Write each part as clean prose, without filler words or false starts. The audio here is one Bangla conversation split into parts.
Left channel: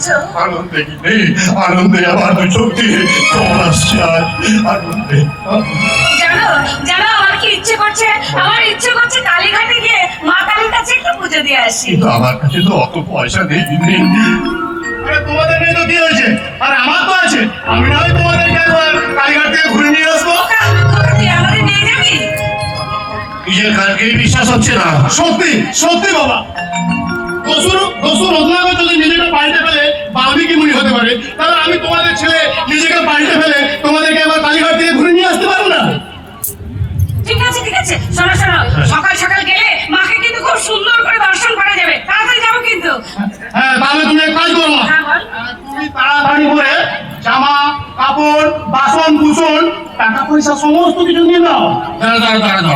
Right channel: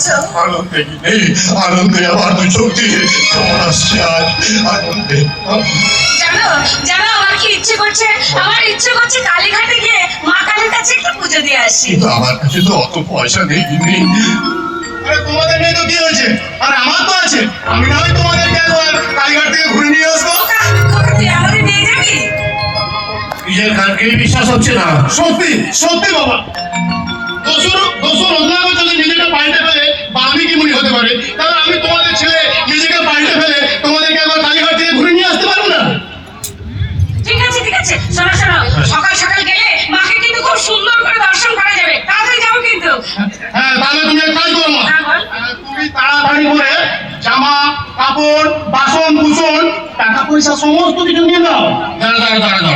করছো? আনন্দে কি নেই, আনন্দে আমার চোখে তোমার আসছে আজ আনন্দে। জানো জানো আমার কি ইচ্ছে করছে? আমার ইচ্ছে করছে কালীঘাটে গিয়ে মা কালীর কাছে একটু পুজো দিয়ে আসি। কিন্তু আমার কাছে তো অত পয়সা নেই। আরে তোমাদের নেই তো কি হয়েছে, আর আমার তো আছে। আমি না হয় তোমাদেরকে একবার কালীঘাট থেকে ঘুরে নিয়ে আসবো। তুই আমাদের নিয়ে যাবি? নিজের কালকে বিশ্বাস হচ্ছে না। সত্যি সত্যি বাবা, দোসর রত্নাকর যদি নিজেকে পাল্টে ফেলে বাল্মীকি মুনি হতে পারে, তাহলে আমি তোমাদের ছেলে নিজেকে পাল্টে ফেলে তোমাদেরকে একবার কালীঘাট থেকে ঘুরে নিয়ে আসতে পারবো না? ঠিক আছে ঠিক আছে, শোনো শোনো, সকাল সকাল গেলে মাকে কিন্তু খুব সুন্দর করে দর্শন করা যাবে। তাড়াতাড়ি যাবো কিন্তু। হ্যাঁ, তাহলে তুমি এক কাজ করো, হ্যাঁ, বল। তুমি তাড়াতাড়ি করে জামা কাপড় বাসন কুসন টাকা পয়সা সমস্ত কিছু নিয়ে নাও। দাঁড়া,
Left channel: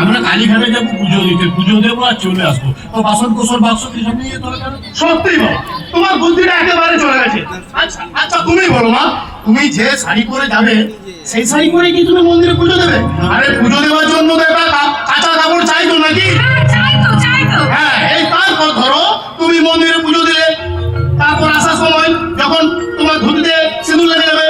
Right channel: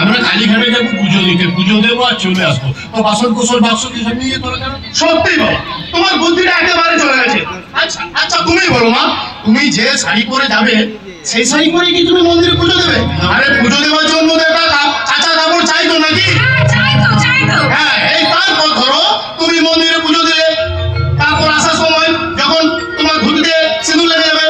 আমরা কালীঘাটে যাবো পুজো দিতে, পুজো দেবো আর চলে আসবো। তো বাসন কোসন বাক্স কিছু নিয়ে তোরা যাবে। সত্যি বাবা, তোমার বুদ্ধিটা একেবারে চলে গেছে। আচ্ছা আচ্ছা, তুমি বলো মা, তুমি যে শাড়ি পরে যাবে সেই শাড়ি পরে কি তুমি মন্দিরে পুজো দেবে? আরে পুজো দেওয়ার জন্য তো একটা কাঁচা কাপড় চাই তো নাকি? হ্যাঁ, চাই তো। হ্যাঁ, এই তারপর ধরো তুমি মন্দিরে পুজো দিলে, তারপর আসার সময় যখন তোমার ধুতিতে সিঁদুর লেগে যাবে,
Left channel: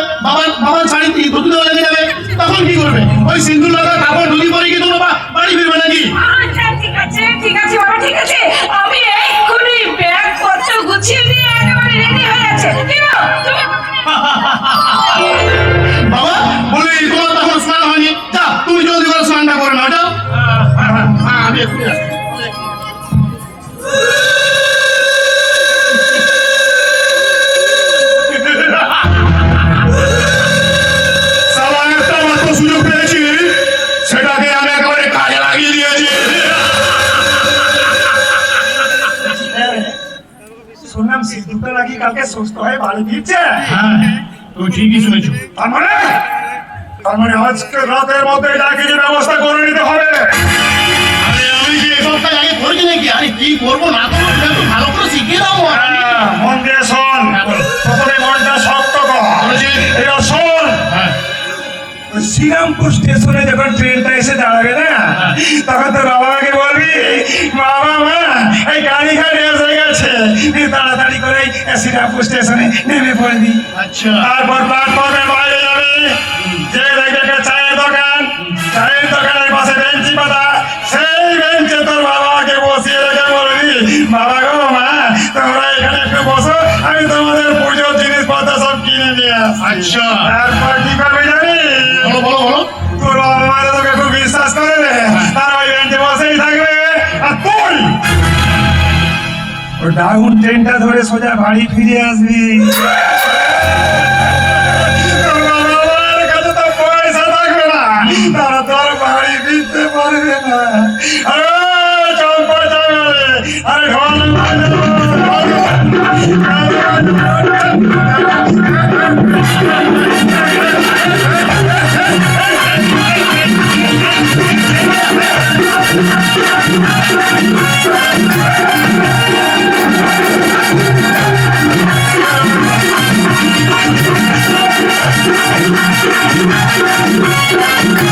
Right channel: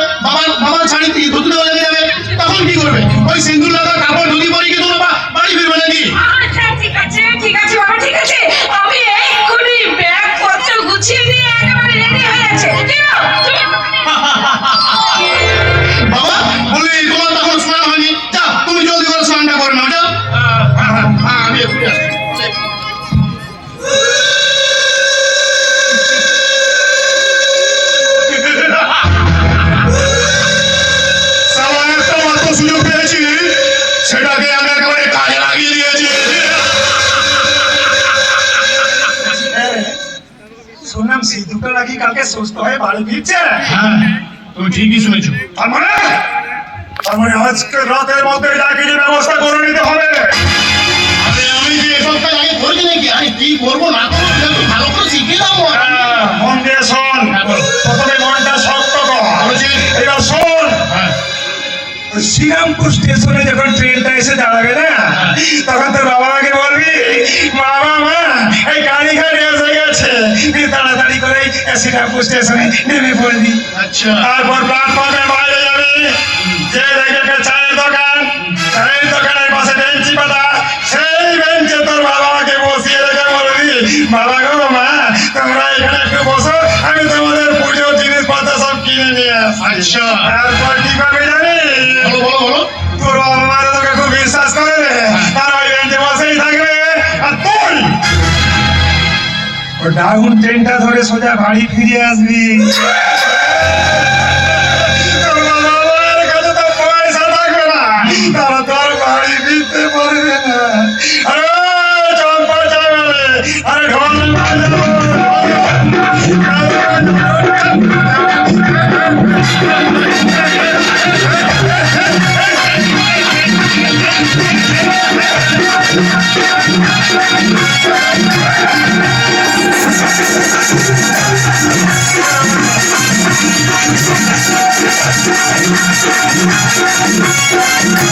বাবার শাড়ি ধুতিতেও লেগে যাবে, তখন কি করবে? ওই সিঁদুর লাগা কাপড় ধুতি পরে কি তোমরা বাড়ি ফিরবে নাকি? আচ্ছা ঠিক আছে বাবা, ঠিক আছে। আমি এক্ষুনি ব্যাগ পত্র গুছিয়ে নিয়ে একেবারে রেডি হয়ে আছে। বাবা বলি, তোমার তখন স্নান হয়নি, যা তুমি জলদি করে স্নানটা করে নাও, যাও। আমি এক্ষুনি আসছি। সামান্য একটা মাত্র সুযোগ পেয়েছি, সেটাকে আমি একেবারে কাজে লাগিয়ে দিয়েছি। শুনলাম সিদ্ধুটা নাকি কালকে সুস্থ হয়ে বাড়ি ফিরছে। হ্যাঁ, তো ঠিকই শুনেছো। তার মানে আজকে রাতের মধ্যে চাকরির ব্যবস্থা করে নিতে হবে। আরে আমি কি এসবটা আগে করি নাকি? আরে কি করবো না করবো সেটা তো ভালো করে শিখিয়ে দাও। মন দিয়ে শোন, প্রথমে মনটা শক্ত কর। এবার শোন, শ্রীরামপুর স্টেশনে যখন ট্রেনটা এসে দাঁড়াবে না, তখন তোর বাবাকে বলবি, বাবা এই কালীঘাটে এসে গেছে, তুই তাড়াতাড়ি করে শ্রীরামপুর স্টেশনে নেমে পড়বি। আচ্ছা, তারপর প্ল্যাটফর্মের বাইরে যাবি, যে দেখবে চায়ের দোকানের পাশে বেঞ্চি পাতা, সেই বেঞ্চে তোর বাবাকে বসিয়ে রেখে বলবি, বাবা গো মা, তোমরা এখানে একটু বসো, আমি তোমাদের পুজোর জিনিসপত্র সব কিনে নিয়ে আসছি। আচ্ছা। তারপর কি করবি জানিস? বলো। তোর বাবা মা তোকে খুব বিশ্বাস করে, আর ওই বেঞ্চে বসেই থাকবে, আর তুই ও ডাউন ট্রেনটা ধরে সোজা বাড়ি ফিরে আসবি। তোর বাবা মায়ের কাছে তো পয়সা থাকবে না, তারা তোর বাড়ি ফিরতে পারবে না। আরে চম্পা চলে, আরে ঢোল Thank you.